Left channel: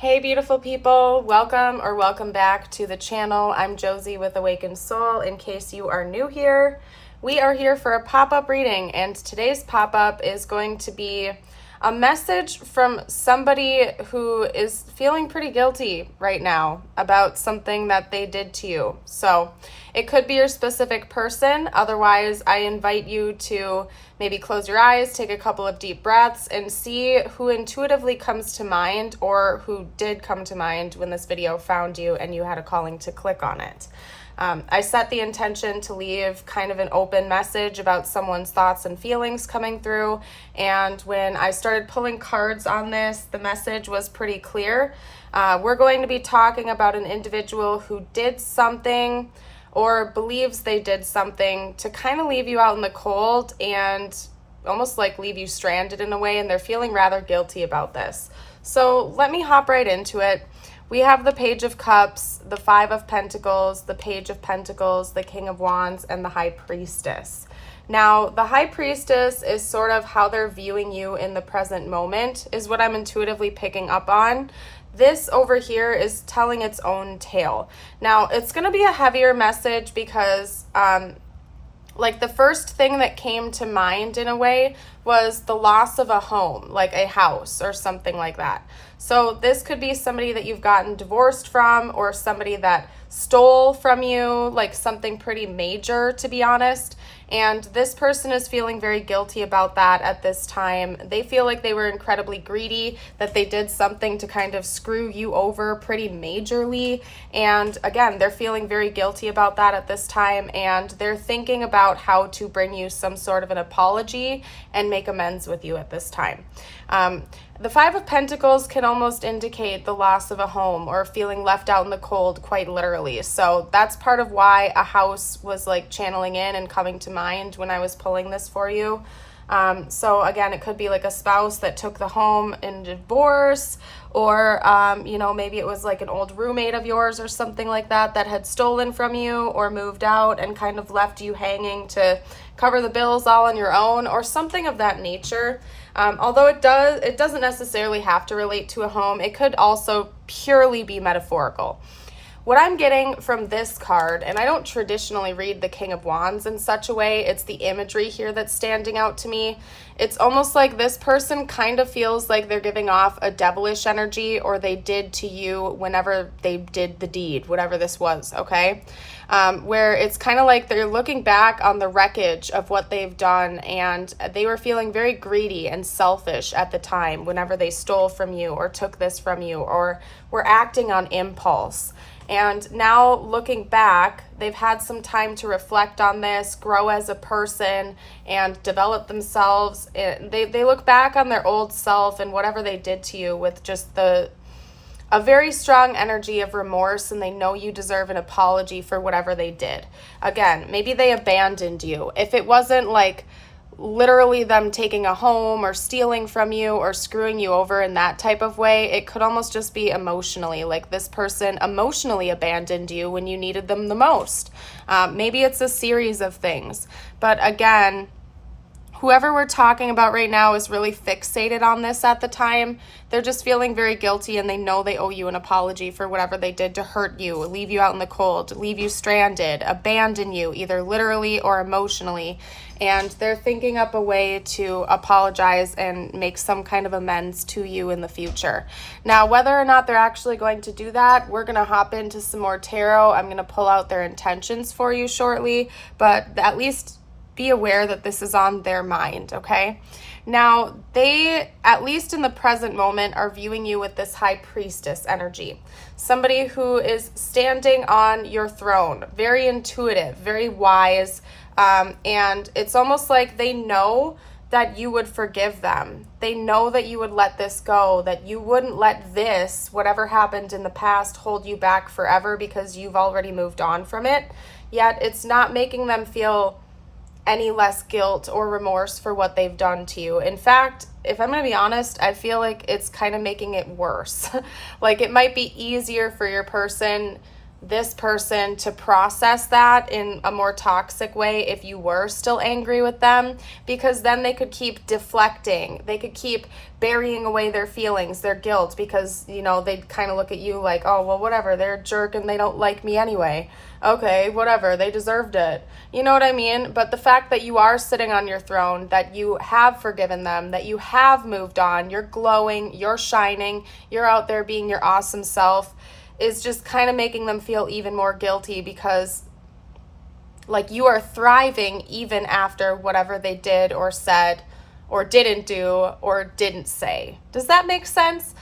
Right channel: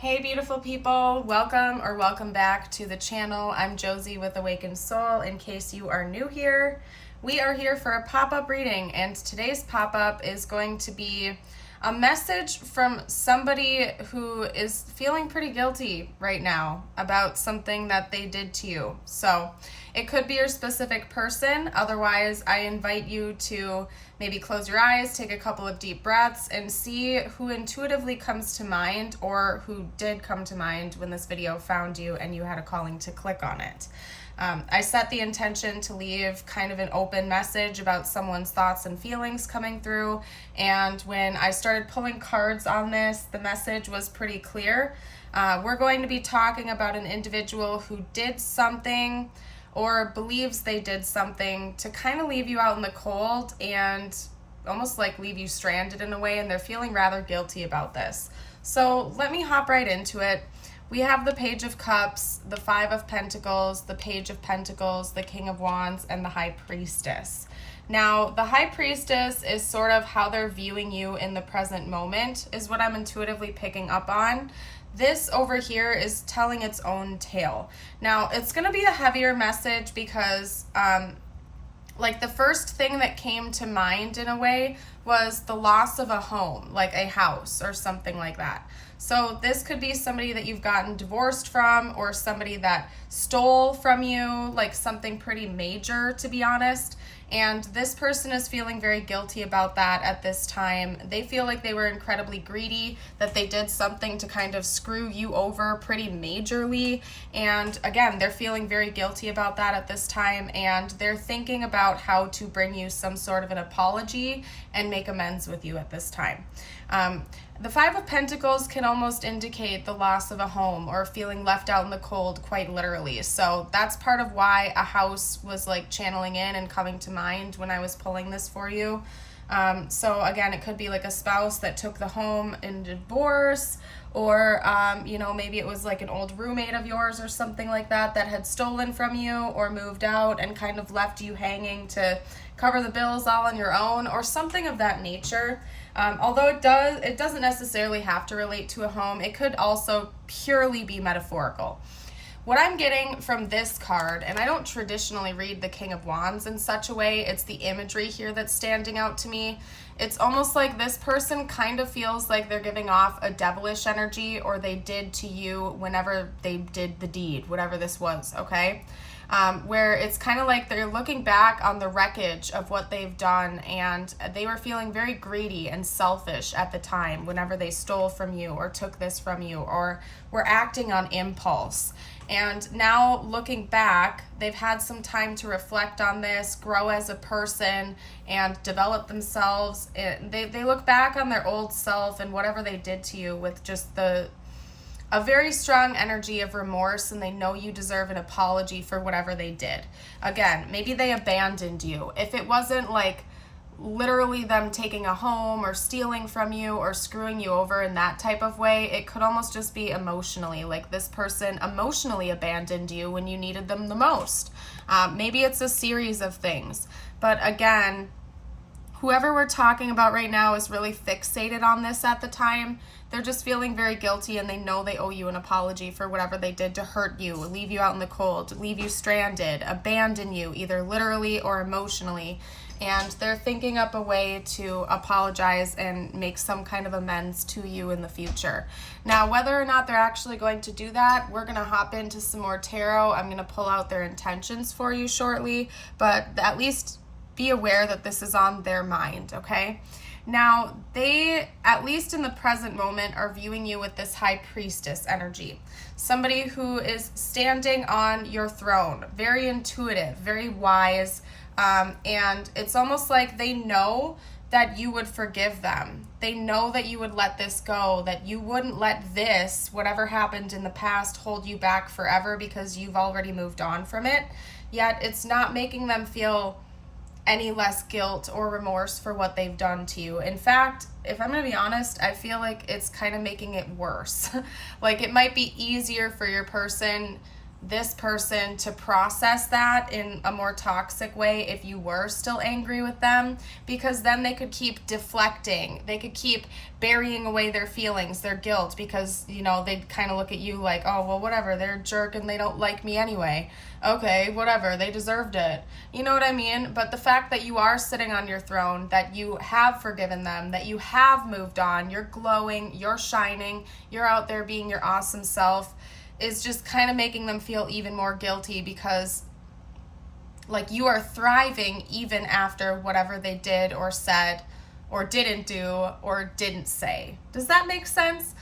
Hey beautiful people, welcome back to the channel. I'm Josie with Awakened Soul. In case you are new here, we are here for a pop-up reading, and today's pop-up is going to be a message from somebody who is feeling pretty guilty right now about something that they did to you. So it could be your specific person. Otherwise, I invite you to maybe close your eyes, take a couple of deep breaths, and see who intuitively comes to mind or who did come to mind when this video found you and you had a calling to click on it. I set the intention to leave kind of an open message about someone's thoughts and feelings coming through, and when I started pulling cards on this, the message was pretty clear. We're going to be talking about an individual who did something or believes they did something to kind of leave you out in the cold and almost like leave you stranded in a way, and they're feeling rather guilty about this. So let me hop right into it. We have the Page of Cups, the Five of Pentacles, the Page of Pentacles, the King of Wands, and the High Priestess. Now, the High Priestess is sort of how they're viewing you in the present moment, is what I'm intuitively picking up on. This over here is telling its own tale. Now, it's going to be a heavier message because like the first thing that came to mind in a way was the loss of a home, like a house or something like that. So this could be somebody that you've gotten divorced from, or somebody that stole from you, like something pretty major, to be honest. And this person is feeling very guilty about that at this time. They feel like they were incredibly greedy, that they did something to kind of screw you over pretty majorly. And again, they're feeling very guilty about that at this time, and they're thinking about how to bring you some sort of an apology and make amends with you at this time. The Five of Pentacles can almost indicate the loss of a home or feeling left out in the cold, quite literally. So that's part of why a house was like channeling in and coming to mind when I was pulling this for you. So again, it could be like a spouse that took the home in divorce, or, maybe it was like an old roommate of yours or something like that that had stolen from you or moved out and kind of left you hanging to cover the bills all on your own, or something of that nature. Although it doesn't necessarily have to relate to a home. It could also purely be metaphorical. What I'm getting from this card, and I don't traditionally read the King of Wands in such a way, it's the imagery here that's standing out to me. It's almost like this person kind of feels like they're giving off a devilish energy, or they did to you whenever they did the deed, whatever this was, okay? Where it's kind of like they're looking back on the wreckage of what they've done, and they were feeling very greedy and selfish at the time whenever they stole from you or took this from you or were acting on impulse. And now looking back, they've had some time to reflect on this, grow as a person, and develop themselves. They look back on their old self and whatever they did to you with just a very strong energy of remorse, and they know you deserve an apology for whatever they did. Again, maybe they abandoned you. If it wasn't like literally them taking a home or stealing from you or screwing you over in that type of way, it could almost just be emotionally, like this person emotionally abandoned you when you needed them the most. Maybe it's a series of things, but again, whoever we're talking about right now is really fixated on this at the time. They're just feeling very guilty, and they know they owe you an apology for whatever they did to hurt you, leave you out in the cold, leave you stranded, abandon you, either literally or emotionally. And they're thinking up a way to apologize and make some kind of amends to you in the future. Now, whether or not they're actually going to do that, we're going to hop into some more tarot. I'm going to pull out their intentions for you shortly, but at least be aware that this is on their mind, okay? Now, they, at least in the present moment, are viewing you with this High Priestess energy. Somebody who is standing on your throne, very intuitive, very wise, and it's almost like they know that you would forgive them. They know that you would let this go, that you wouldn't let this, whatever happened in the past, hold you back forever because you've already moved on from it. Yet it's not making them feel any less guilt or remorse for what they've done to you. In fact, if I'm going to be honest, I feel like it's kind of making it worse. Like it might be easier for your person this person to process that in a more toxic way if you were still angry with them, because then they could keep deflecting. They could keep burying away their feelings, their guilt, because, you know, they'd kind of look at you like, oh, well, whatever, they're a jerk and they don't like me anyway. Okay, whatever, they deserved it. You know what I mean? But the fact that you are sitting on your throne, that you have forgiven them, that you have moved on, you're glowing, you're shining, you're out there being your awesome self, is just kind of making them feel even more guilty, because like you are thriving even after whatever they did or said or didn't do or didn't say. Does that make sense?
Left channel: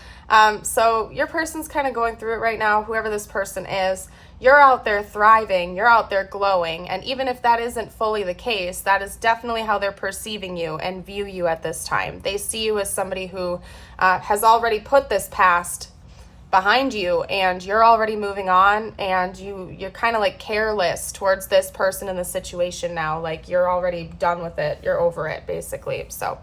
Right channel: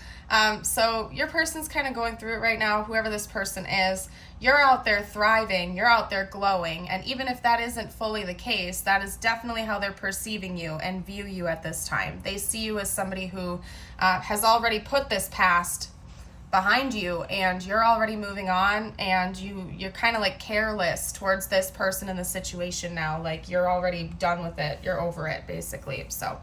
So your person's kind of going through it right now, whoever this person is. You're out there thriving, you're out there glowing, and even if that isn't fully the case, that is definitely how they're perceiving you and view you at this time. They see you as somebody who has already put this past behind you, and you're already moving on, and you're kind of like careless towards this person in the situation now. Like you're already done with it, you're over it basically. So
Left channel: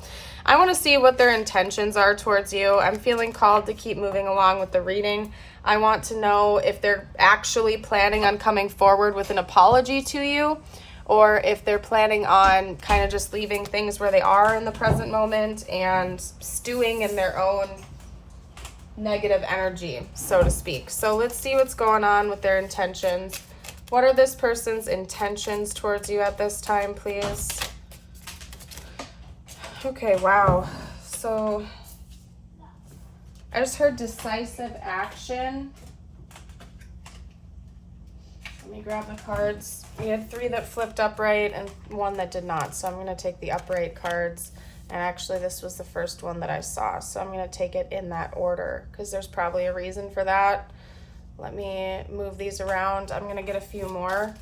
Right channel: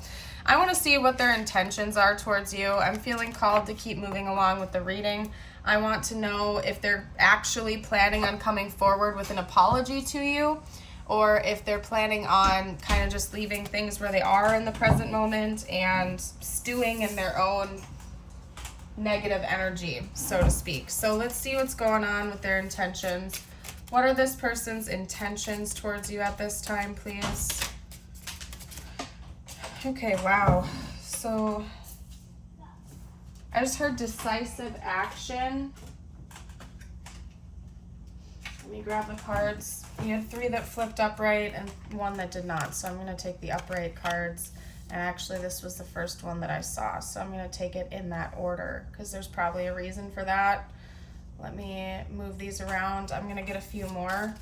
I want to see what their intentions are towards you. I'm feeling called to keep moving along with the reading. I want to know if they're actually planning on coming forward with an apology to you, or if they're planning on kind of just leaving things where they are in the present moment and stewing in their own negative energy, so to speak. So let's see what's going on with their intentions. What are this person's intentions towards you at this time, please? Okay, wow. So I just heard decisive action. Let me grab the cards. We had 3 that flipped upright and 1 that did not. So I'm going to take the upright cards. And actually, this was the first one that I saw. So I'm going to take it in that order because there's probably a reason for that. Let me move these around. I'm going to get a few more.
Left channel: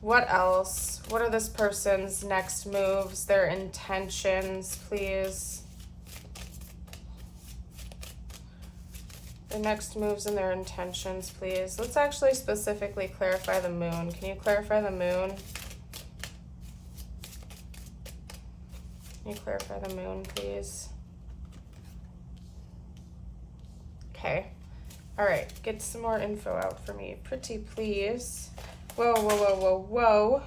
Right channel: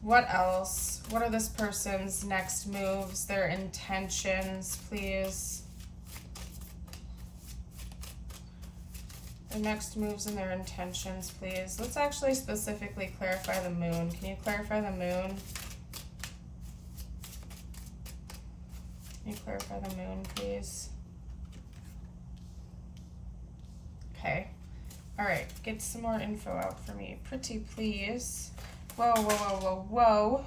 What else? What are this person's next moves, their intentions, please? Their next moves and their intentions, please. Let's actually specifically clarify the moon. Can you clarify the moon? Can you clarify the moon, please? Okay. All right. Get some more info out for me. Pretty please. Whoa, whoa, whoa, whoa, whoa.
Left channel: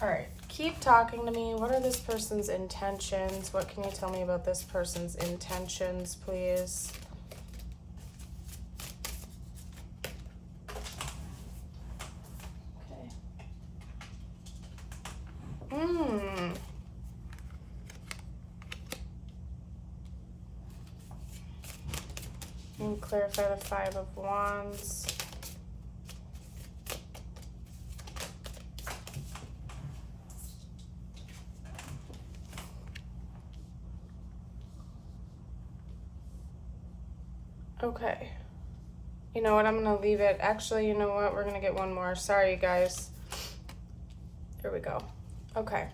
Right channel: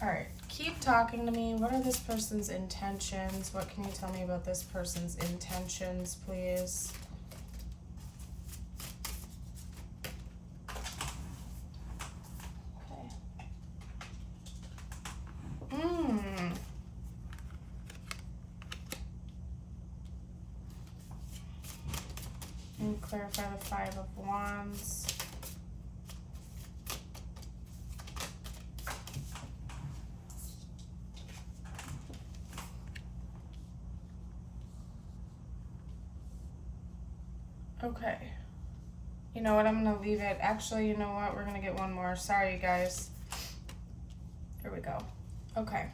All right. Keep talking to me. What are this person's intentions? What can you tell me about this person's intentions, please? And clarify the 5 of Wands. Okay. You know what? I'm going to leave it. Actually, you know what? We're going to get one more. Sorry, you guys. Here we go. Okay.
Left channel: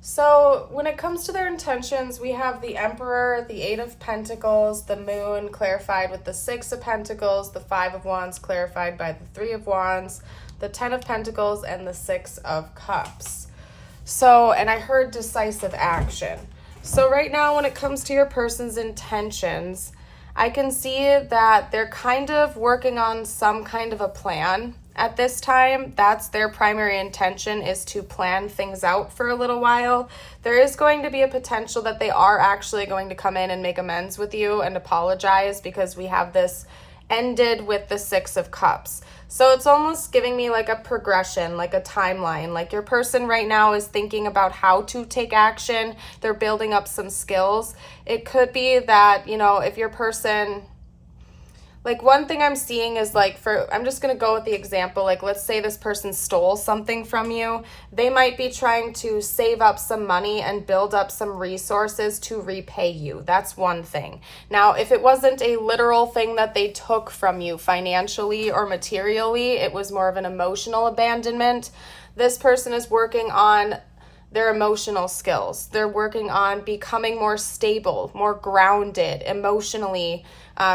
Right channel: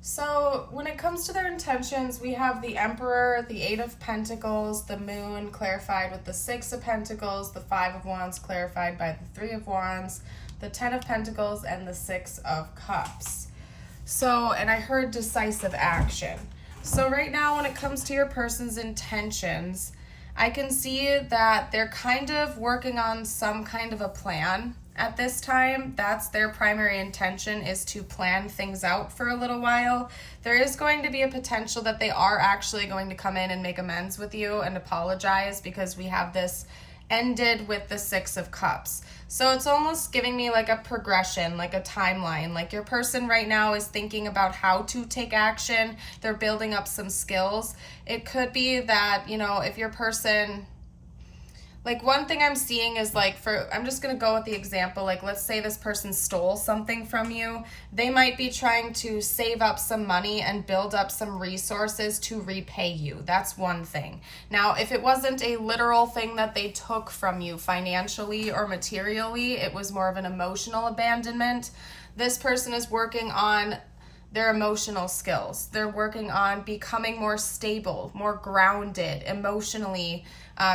So when it comes to their intentions, we have the Emperor, the 8 of Pentacles, the Moon clarified with the 6 of Pentacles, the 5 of Wands clarified by the 3 of Wands, the 10 of Pentacles, and the 6 of Cups. So, and I heard decisive action. So right now when it comes to your person's intentions, I can see that they're kind of working on some kind of a plan. At this time, that's their primary intention, is to plan things out for a little while. There is going to be a potential that they are actually going to come in and make amends with you and apologize, because we have this ended with the 6 of Cups. So it's almost giving me like a progression, like a timeline. Like your person right now is thinking about how to take action. They're building up some skills. It could be that, you know, if your person... Like one thing I'm seeing is like I'm just going to go with the example, like let's say this person stole something from you. They might be trying to save up some money and build up some resources to repay you. That's one thing. Now, if it wasn't a literal thing that they took from you financially or materially, it was more of an emotional abandonment. This person is working on their emotional skills. They're working on becoming more stable, more grounded emotionally,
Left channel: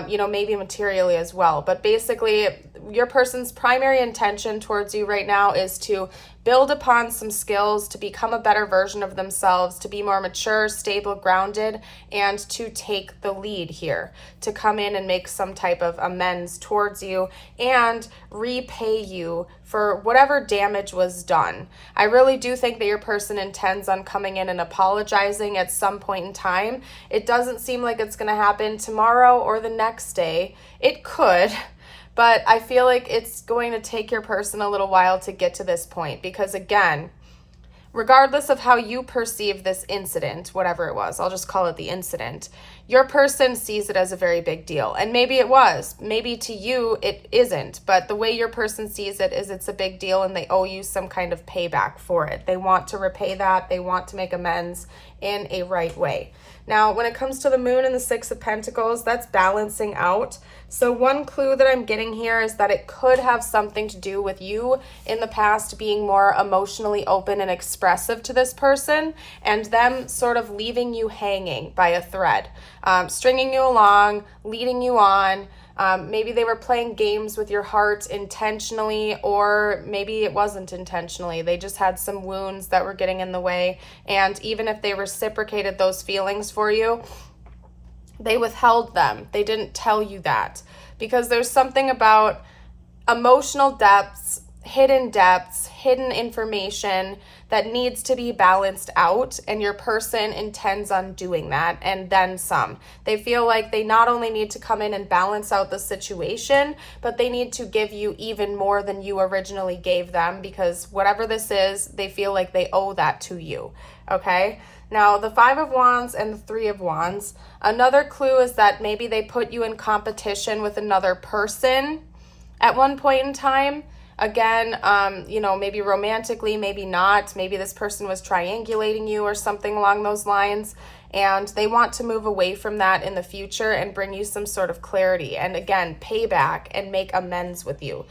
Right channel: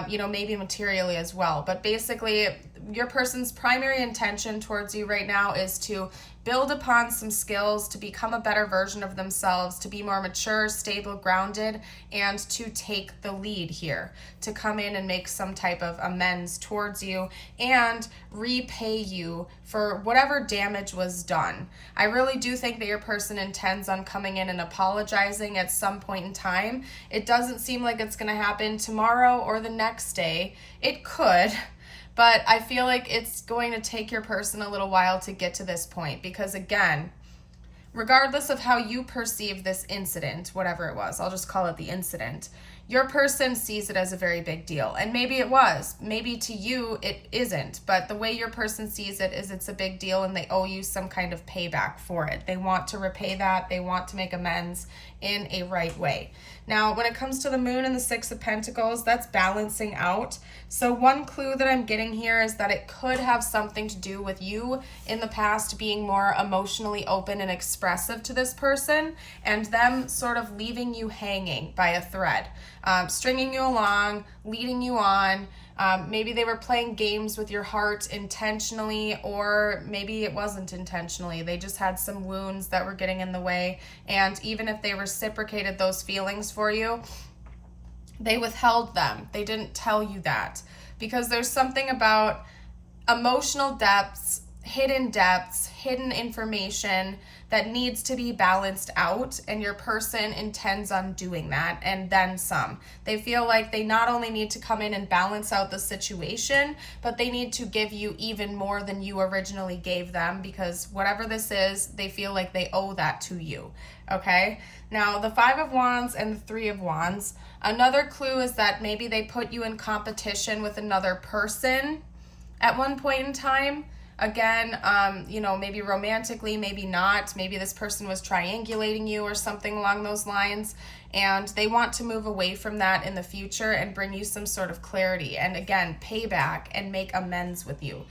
you know, maybe materially as well. But basically, your person's primary intention towards you right now is to build upon some skills to become a better version of themselves, to be more mature, stable, grounded, and to take the lead here, to come in and make some type of amends towards you and repay you for whatever damage was done. I really do think that your person intends on coming in and apologizing at some point in time. It doesn't seem like it's going to happen tomorrow or the next day. It could, but I feel like it's going to take your person a little while to get to this point because, again, regardless of how you perceive this incident, whatever it was, I'll just call it the incident, your person sees it as a very big deal. And maybe it was. Maybe to you it isn't. But the way your person sees it is it's a big deal and they owe you some kind of payback for it. They want to repay that. They want to make amends in a right way. Now, when it comes to the moon and the Six of Pentacles, that's balancing out. So one clue that I'm getting here is that it could have something to do with you in the past being more emotionally open and expressive to this person and them sort of leaving you hanging by a thread, stringing you along, leading you on. Maybe they were playing games with your heart intentionally, or maybe it wasn't intentionally. They just had some wounds that were getting in the way. And even if they reciprocated those feelings for you, they withheld them. They didn't tell you that because there's something about emotional depths, hidden information that needs to be balanced out, and your person intends on doing that and then some. They feel like they not only need to come in and balance out the situation, but they need to give you even more than you originally gave them, because whatever this is, they feel like they owe that to you, okay? Now, the Five of Wands and the Three of Wands, another clue is that maybe they put you in competition with another person at one point in time. Again, maybe romantically, maybe not. Maybe this person was triangulating you or something along those lines, and they want to move away from that in the future and bring you some sort of clarity and, again, pay back and make amends with you.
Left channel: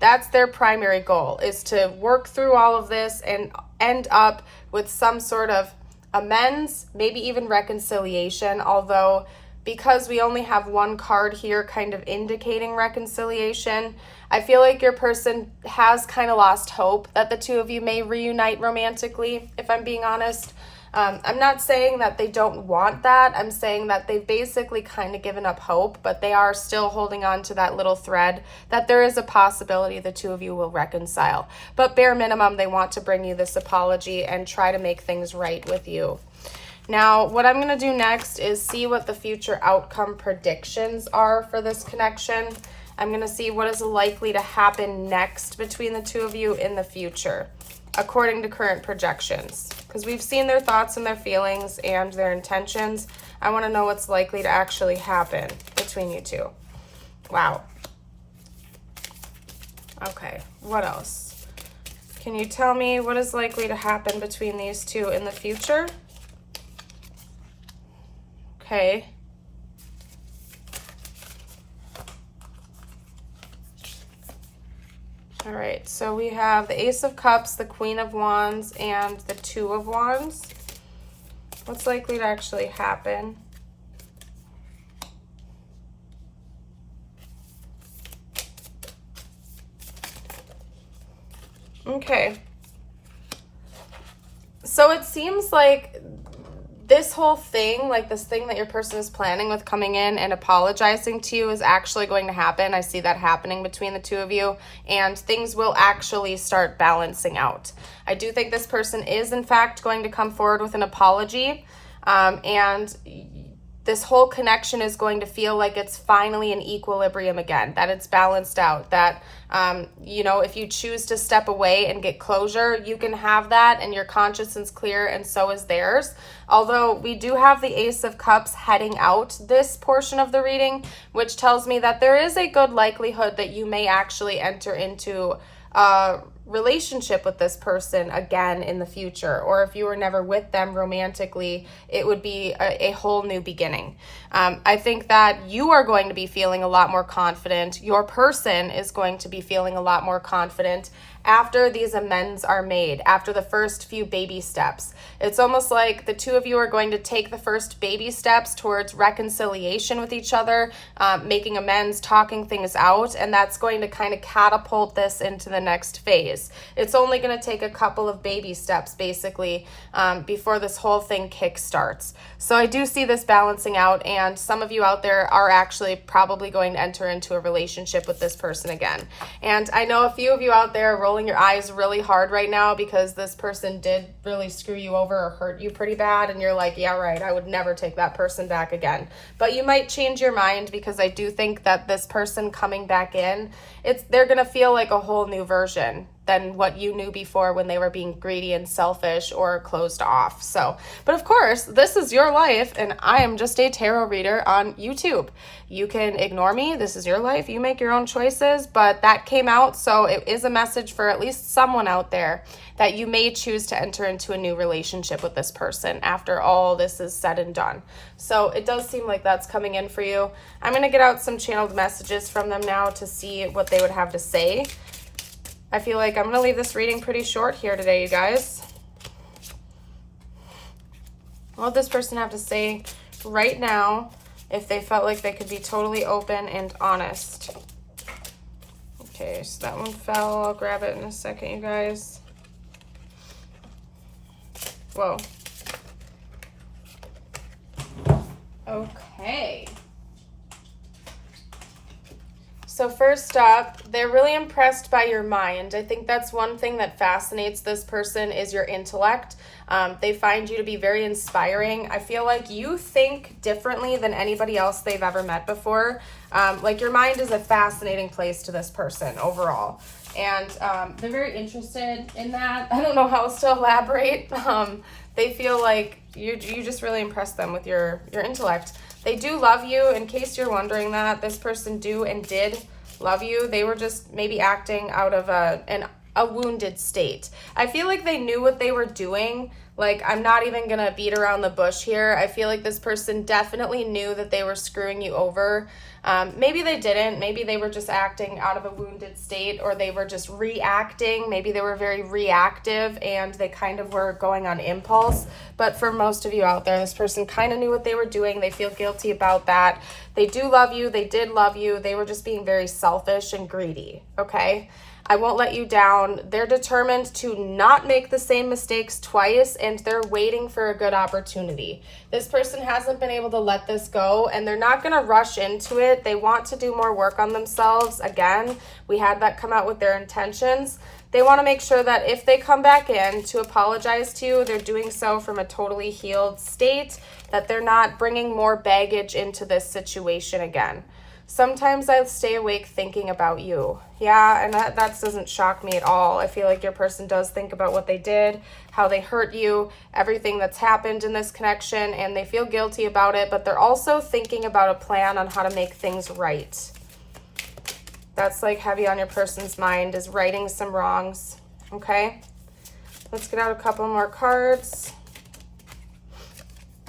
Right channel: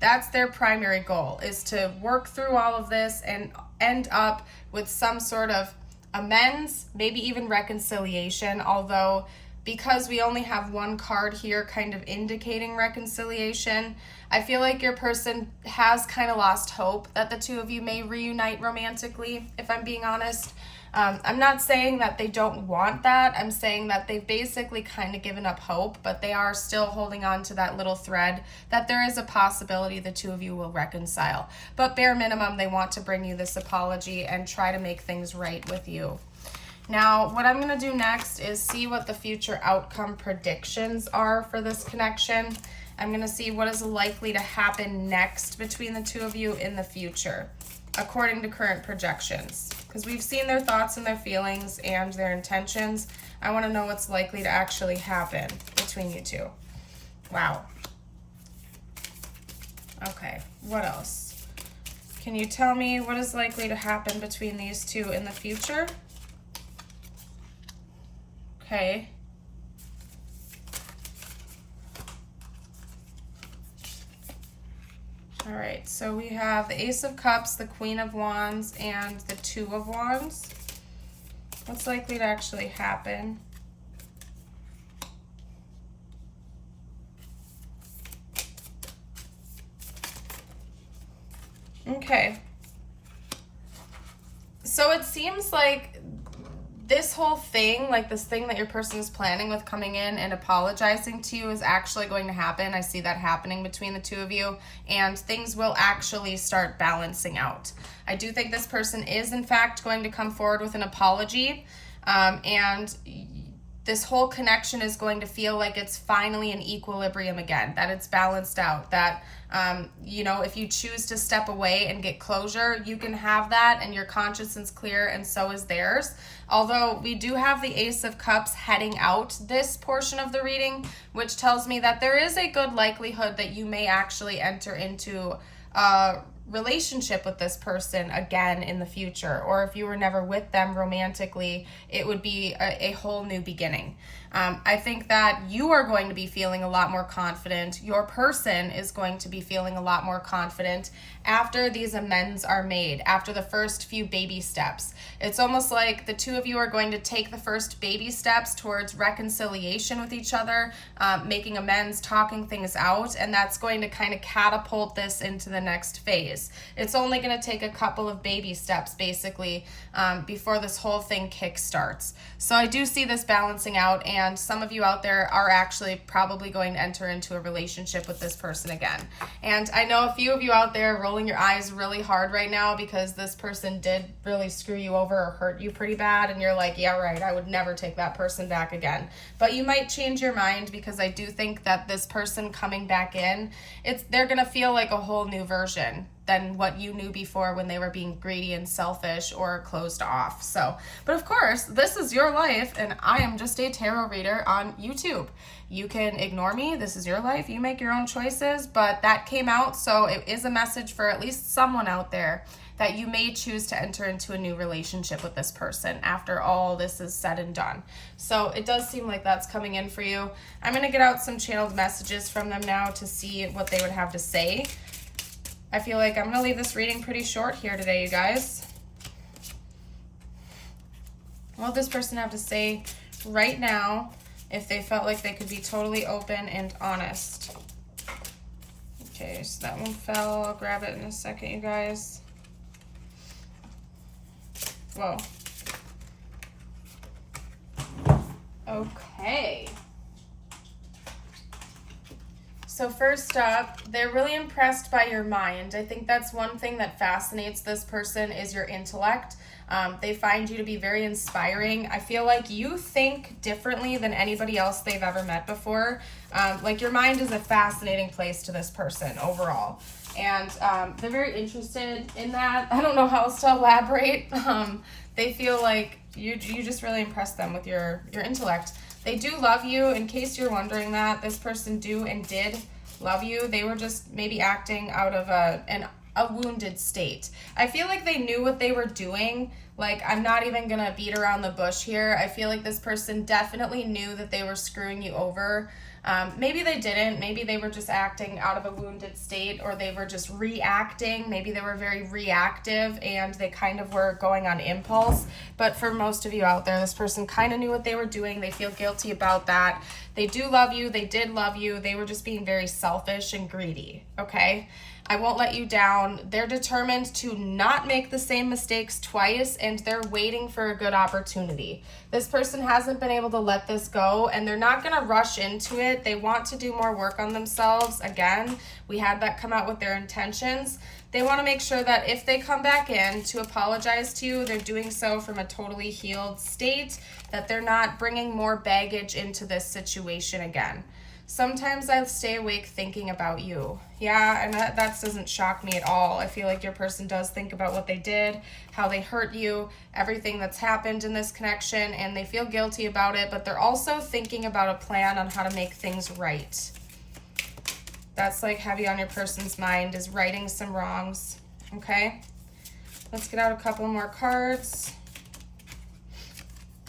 That's their primary goal, is to work through all of this and end up with some sort of amends, maybe even reconciliation, although because we only have one card here kind of indicating reconciliation, I feel like your person has kind of lost hope that the two of you may reunite romantically, if I'm being honest. I'm not saying that they don't want that. I'm saying that they've basically kind of given up hope, but they are still holding on to that little thread that there is a possibility the two of you will reconcile. But bare minimum, they want to bring you this apology and try to make things right with you. Now, what I'm going to do next is see what the future outcome predictions are for this connection. I'm going to see what is likely to happen next between the two of you in the future, according to current projections. Because we've seen their thoughts and their feelings and their intentions. I want to know what's likely to actually happen between you two. Wow. Okay, what else? Can you tell me what is likely to happen between these two in the future? Okay. All right, so we have the Ace of Cups, the Queen of Wands, and the Two of Wands. What's likely to actually happen? Okay. So it seems like this whole thing, like this thing that your person is planning with coming in and apologizing to you, is actually going to happen. I see that happening between the two of you, and things will actually start balancing out. I do think this person is, in fact, going to come forward with an apology, and this whole connection is going to feel like it's finally in equilibrium again, that it's balanced out, that, if you choose to step away and get closure, you can have that, and your conscience is clear, and so is theirs. Although we do have the Ace of Cups heading out this portion of the reading, which tells me that there is a good likelihood that you may actually enter into a relationship with this person again in the future, or if you were never with them romantically, it would be a whole new beginning. I think that you are going to be feeling a lot more confident. Your person is going to be feeling a lot more confident, after these amends are made, after the first few baby steps. It's almost like the two of you are going to take the first baby steps towards reconciliation with each other, making amends, talking things out, and that's going to kind of catapult this into the next phase. It's only going to take a couple of baby steps, basically, before this whole thing kickstarts. So I do see this balancing out, and some of you out there are actually probably going to enter into a relationship with this person again. And I know a few of you out there rolling your eyes really hard right now because this person did really screw you over or hurt you pretty bad, and you're like, yeah, right, I would never take that person back again. But you might change your mind, because I do think that this person coming back in, they're gonna feel like a whole new version than what you knew before when they were being greedy and selfish or closed off. So, but of course, this is your life, and I am just a tarot reader on YouTube. You can ignore me. This is your life. You make your own choices, but that came out, so it is a message for at least someone out there that you may choose to enter into a new relationship with this person after all this is said and done. So it does seem like that's coming in for you. I'm going to get out some channeled messages from them now to see what they would have to say. I feel like I'm going to leave this reading pretty short here today, you guys. What would this person have to say right now if they felt like they could be totally open and honest? Okay, so that one fell. I'll grab it in a second, you guys. Whoa. Okay. So first up, they're really impressed by your mind. I think that's one thing that fascinates this person is your intellect. They find you to be very inspiring. I feel like you think differently than anybody else they've ever met before. Like your mind is a fascinating place to this person overall. And they're very interested in that. I don't know how else to elaborate. They feel like you just really impress them with your intellect. They do love you. In case you're wondering that, this person do and did love you. They were just maybe acting out of a wounded state. I feel like they knew what they were doing. Like, I'm not even gonna beat around the bush here. I feel like this person definitely knew that they were screwing you over. Maybe they didn't. Maybe they were just acting out of a wounded state, or they were just reacting. Maybe they were very reactive and they kind of were going on impulse. But for most of you out there, this person kind of knew what they were doing. They feel guilty about that. They do love you. They did love you. They were just being very selfish and greedy, okay? I won't let you down. They're determined to not make the same mistakes twice, and they're waiting for a good opportunity. This person hasn't been able to let this go, and they're not going to rush into it. They want to do more work on themselves. Again, we had that come out with their intentions. They want to make sure that if they come back in to apologize to you, they're doing so from a totally healed state, that they're not bringing more baggage into this situation again. Sometimes I stay awake thinking about you. Yeah, and that doesn't shock me at all. I feel like your person does think about what they did, how they hurt you, everything that's happened in this connection, and they feel guilty about it, but they're also thinking about a plan on how to make things right. That's like heavy on your person's mind, is righting some wrongs, okay? Let's get out a couple more cards.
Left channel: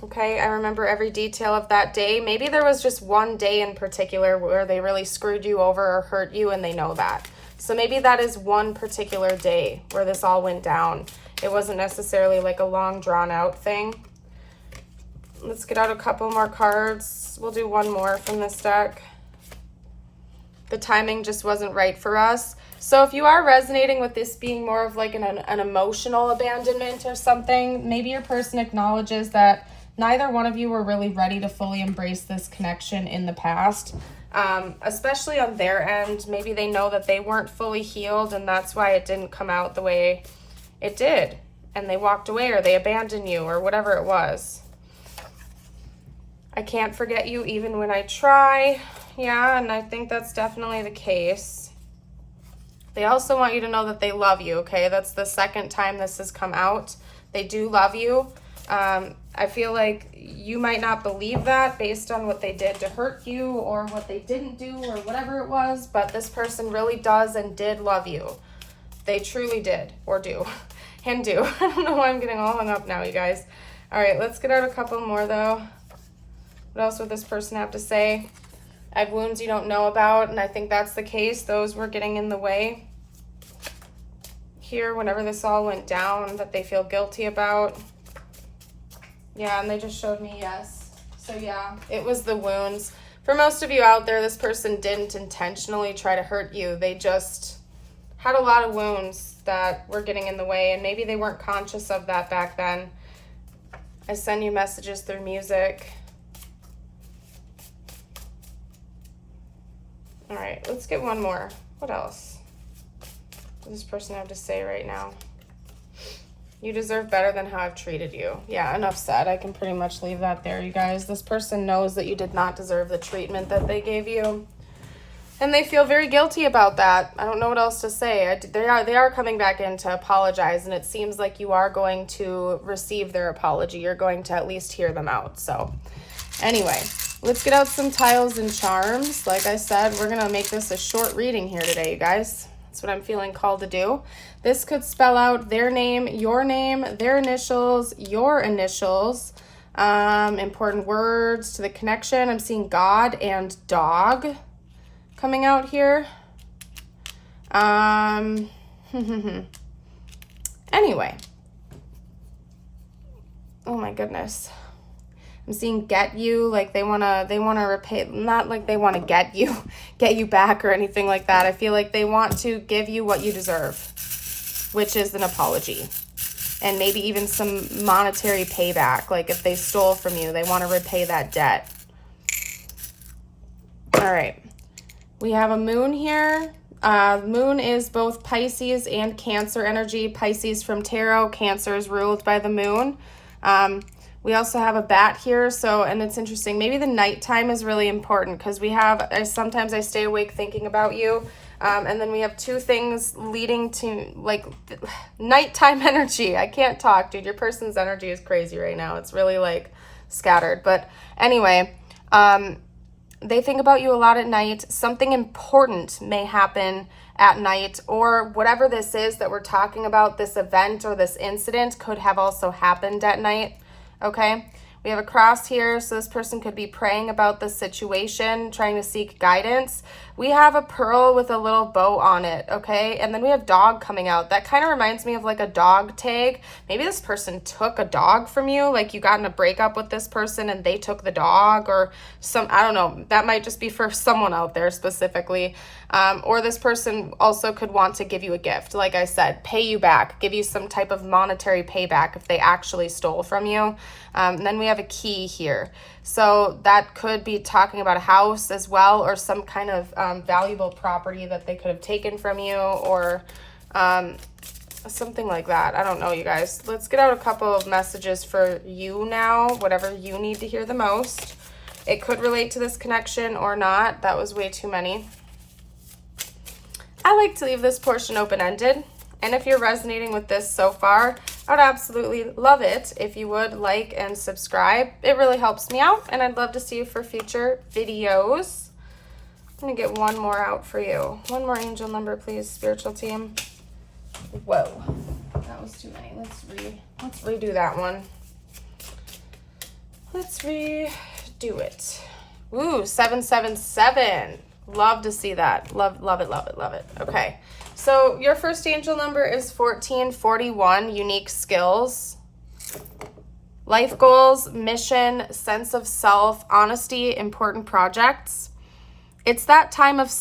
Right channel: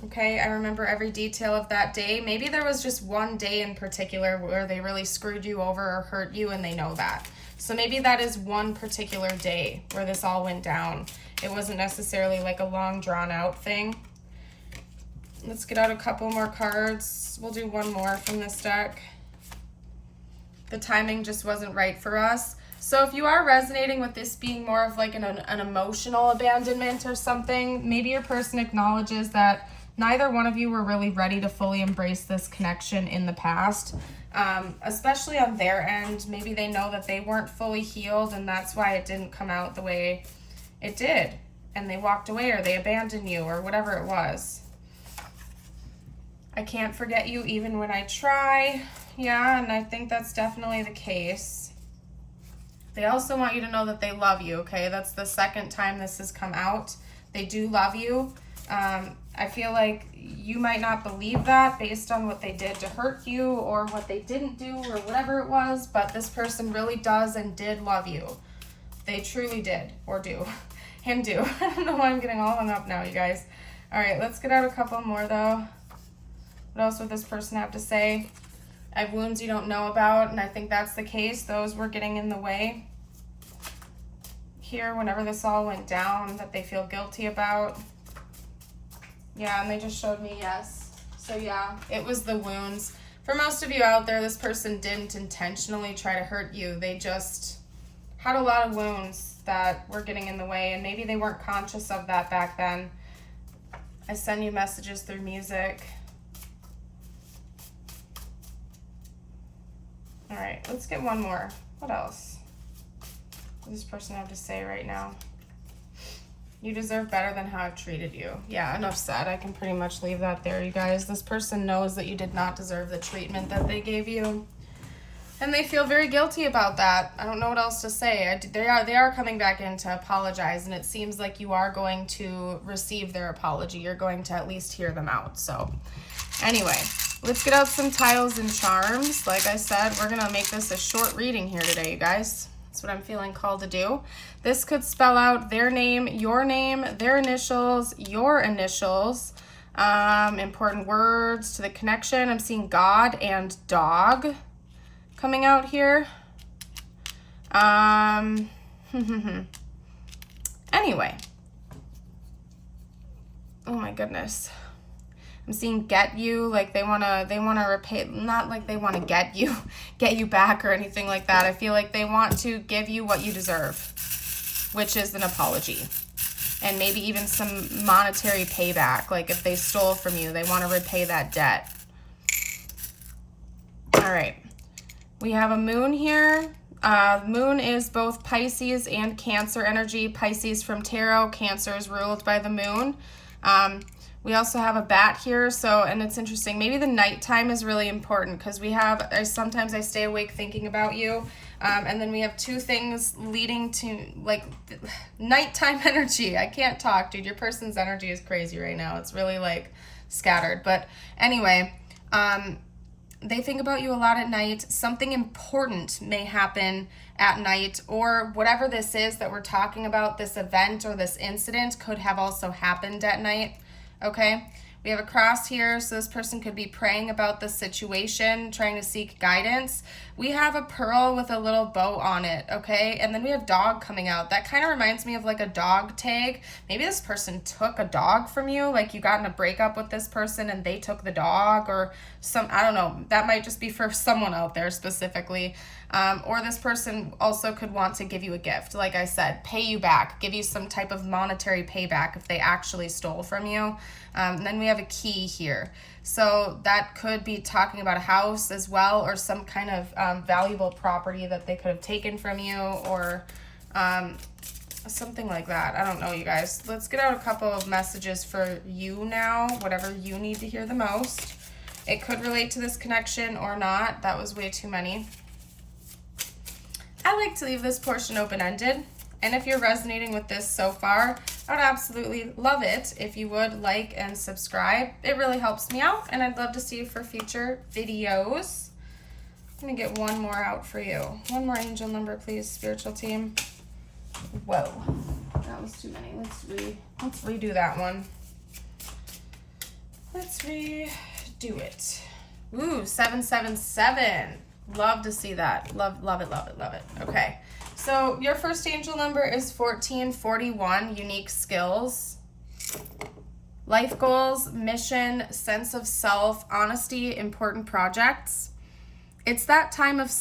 Okay, I remember every detail of that day. Maybe there was just one day in particular where they really screwed you over or hurt you, and they know that. So maybe that is one particular day where this all went down. It wasn't necessarily like a long drawn out thing. Let's get out a couple more cards. We'll do one more from this deck. The timing just wasn't right for us. So if you are resonating with this being more of like an emotional abandonment or something, maybe your person acknowledges that neither one of you were really ready to fully embrace this connection in the past, especially on their end. Maybe they know that they weren't fully healed, and that's why it didn't come out the way it did, and they walked away or they abandoned you or whatever it was. I can't forget you even when I try. Yeah, and I think that's definitely the case. They also want you to know that they love you, okay? That's the second time this has come out. They do love you. I feel like you might not believe that based on what they did to hurt you or what they didn't do or whatever it was, but this person really does and did love you. They truly did, or do, and do. I don't know why I'm getting all hung up now, you guys. All right, let's get out a couple more, though. What else would this person have to say? I have wounds you don't know about, and I think that's the case. Those were getting in the way. here whenever this all went down that they feel guilty about. Yeah, and they just showed me yes. So yeah, it was the wounds. For most of you out there, this person didn't intentionally try to hurt you. They just had a lot of wounds that were getting in the way, and maybe they weren't conscious of that back then. I send you messages through music. All right, let's get one more. What else does this person have to say right now? You deserve better than how I've treated you. Yeah, enough said. I can pretty much leave that there, you guys. This person knows that you did not deserve the treatment that they gave you. And they feel very guilty about that. I don't know what else to say. They are coming back in to apologize, and it seems like you are going to receive their apology. You're going to at least hear them out. So anyway, let's get out some tiles and charms. Like I said, we're going to make this a short reading here today, you guys. That's what I'm feeling called to do. This could spell out their name, their initials, your initials, important words to the connection. I'm seeing God and dog coming out here. Anyway. Oh my goodness. I'm seeing get you, like they wanna repay, not like they wanna get you back or anything like that. I feel like they want to give you what you deserve, which is an apology. And maybe even some monetary payback. Like if they stole from you, they want to repay that debt. All right. We have a moon here. Moon is both Pisces and Cancer energy. Pisces from tarot, Cancer is ruled by the moon. We also have a bat here, and it's interesting. Maybe the nighttime is really important because sometimes I stay awake thinking about you. And then we have two things leading to like nighttime energy. I can't talk, dude. Your person's energy is crazy right now. It's really like scattered. But anyway, they think about you a lot at night. Something important may happen at night, or whatever this is that we're talking about, this event or this incident could have also happened at night. Okay, we have a cross here, so this person could be praying about the situation, trying to seek guidance. We have a pearl with a little bow on it, okay? And then we have dog coming out. That kind of reminds me of like a dog tag. Maybe this person took a dog from you, like you got in a breakup with this person and they took the dog, or I don't know. That might just be for someone out there specifically. Or this person also could want to give you a gift. Like I said, pay you back, give you some type of monetary payback if they actually stole from you. And then we have a key here. So that could be talking about a house as well, or some kind of valuable property that they could have taken from you, or something like that. I don't know, you guys. Let's get out a couple of messages for you now, whatever you need to hear the most. It could relate to this connection or not. That was way too many. I like to leave this portion open-ended. And if you're resonating with this so far, I would absolutely love it if you would like and subscribe. It really helps me out, and I'd love to see you for future videos. I'm gonna get one more out for you. One more angel number, please, spiritual team. Whoa, that was too many. Let's redo that one. Let's redo it. Ooh, 777. Love to see that. Love it, love it, love it. Okay. So your first angel number is 1441, unique skills, life goals, mission, sense of self, honesty, important projects. It's that time of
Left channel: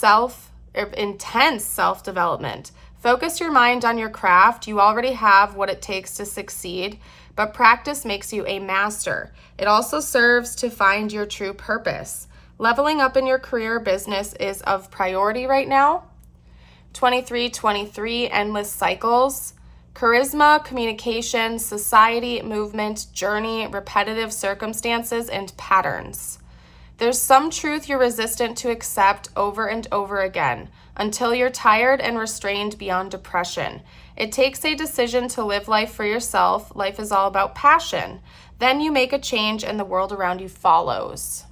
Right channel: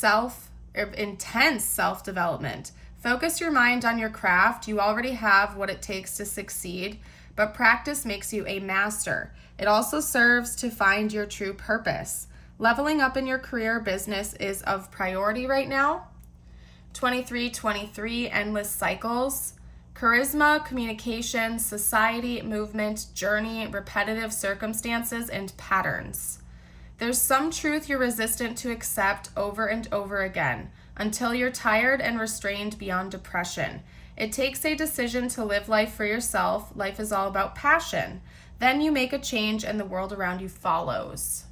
intense self-development. Focus your mind on your craft. You already have what it takes to succeed, but practice makes you a master. It also serves to find your true purpose. Leveling up in your career or business is of priority right now. 2323, endless cycles. Charisma, communication, society, movement, journey, repetitive circumstances, and patterns. There's some truth you're resistant to accept over and over again until you're tired and restrained beyond depression. It takes a decision to live life for yourself. Life is all about passion. Then you make a change and the world around you follows.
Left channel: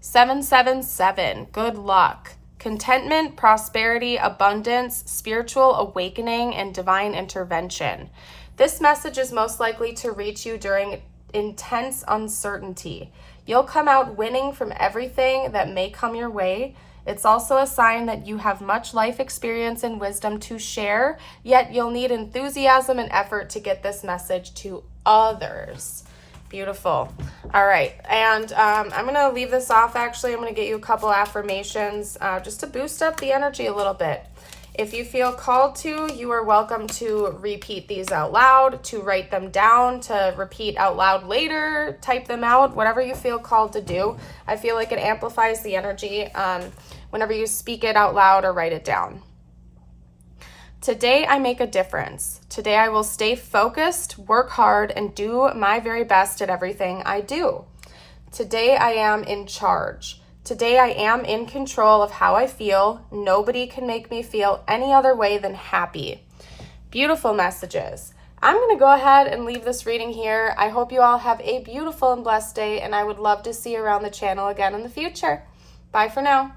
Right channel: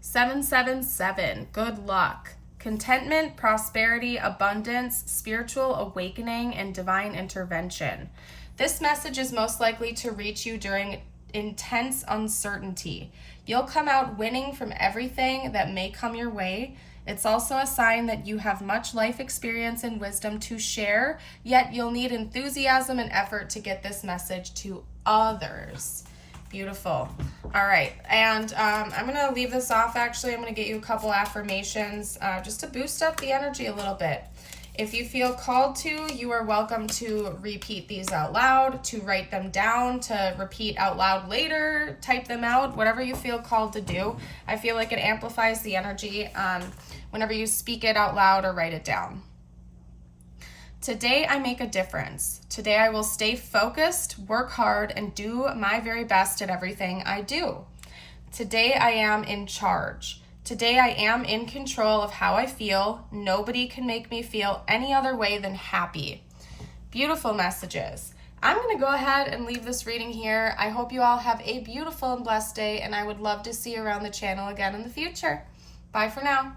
777, good luck. Contentment, prosperity, abundance, spiritual awakening, and divine intervention. This message is most likely to reach you during intense uncertainty. You'll come out winning from everything that may come your way, It's also a sign that you have much life experience and wisdom to share, yet you'll need enthusiasm and effort to get this message to others. Beautiful. All right, and I'm going to leave this off. Actually, I'm going to get you a couple affirmations just to boost up the energy a little bit. If you feel called to, you are welcome to repeat these out loud, to write them down, to repeat out loud later, type them out, whatever you feel called to do. I feel like it amplifies the energy whenever you speak it out loud or write it down. Today I make a difference. Today I will stay focused, work hard, and do my very best at everything I do. Today I am in charge. Today I am in control of how I feel. Nobody can make me feel any other way than happy. Beautiful messages. I'm going to go ahead and leave this reading here. I hope you all have a beautiful and blessed day, and I would love to see you around the channel again in the future. Bye for now.